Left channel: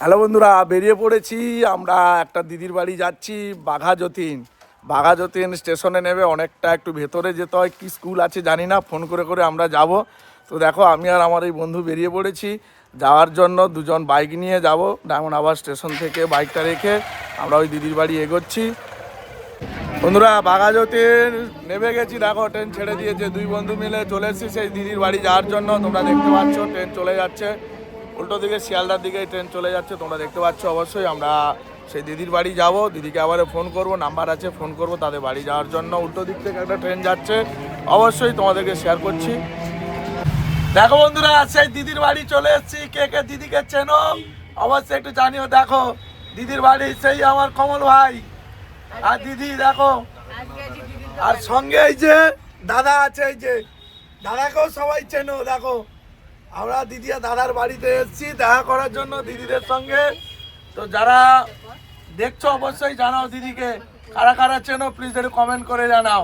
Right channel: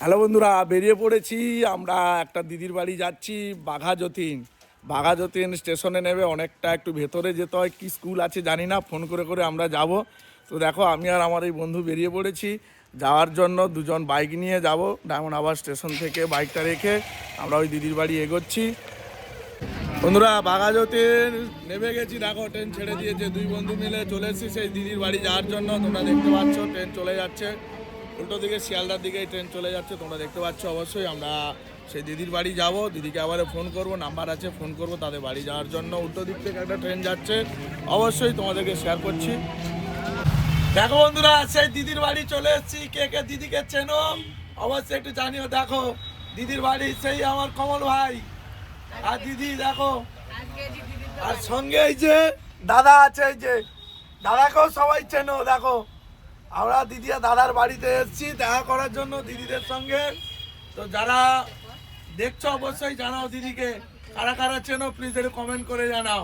Hello বন্ধুরা, বেরিয়ে পড়েছি আমরা। একটা দিদির বাড়ি যাচ্ছি, বাঘাযতীন স্টেশনে নেবে অনেকটা একটু ভেতরে যেতে হয়। কি স্কুল আছে জানি না, ফোন করে করে আমরা যাব। তো দেখো, আমি আর আমার এই বন্ধু বেরিয়ে পড়েছি যাওয়ার জন্য। দুজন বাইক নিয়ে যাব, ডায়মন্ড হারবার স্টেশন থেকে বাইকটা রেখে আমরা ওই দিদির বাড়ি এগোচ্ছি। বন্ধুরা, বাঘাযতীন নেমে গেছি, দেখো ট্রেন ছেড়ে দিয়েছে। দুই বন্ধু মিলে চলে এসেছি সেই দিদির বাড়ি যাওয়ার জন্য। তোমরা দেখতে পাচ্ছ ট্রেন চলে যাচ্ছে, উল্টো দিকে শিয়ালদার দিকে ট্রেন চলে যাচ্ছে, তোমরা দেখতে পাচ্ছ। অবশ্যই আমরা সেই দিদির বাড়ি যাব, দিদিকে আবার ফোন করব, নাম্বার আছে, ফোন করব তাদের বাড়ি যাওয়ার জন্য। উল্টো দিক থেকে একটা ট্রেন যাচ্ছে, অবশ্যই তোমাদেরকে শেয়ার করছি। দেখো বন্ধুরা, সেই দিদির বাড়ি চলে এসেছি। কে কে দিদিকে চেনো অবশ্যই একটু জানিও। দেখো দিদির বাড়ি, সেই আমার কমল ভাই আর দিদি দেখো। আর সঙ্গে এই যে দাদা আছে, এই যে দাদাকেও সবাই চেনো। দেখো আমরা দিদি আর দাদার বাড়িতে এসেছি দেখা করার জন্য দিদিদের সঙ্গে। তো যারা দেখছো অবশ্যই জানাও দিদিকে, কারা কারা চেনো প্লিজ একটু কমেন্ট করে জানাও।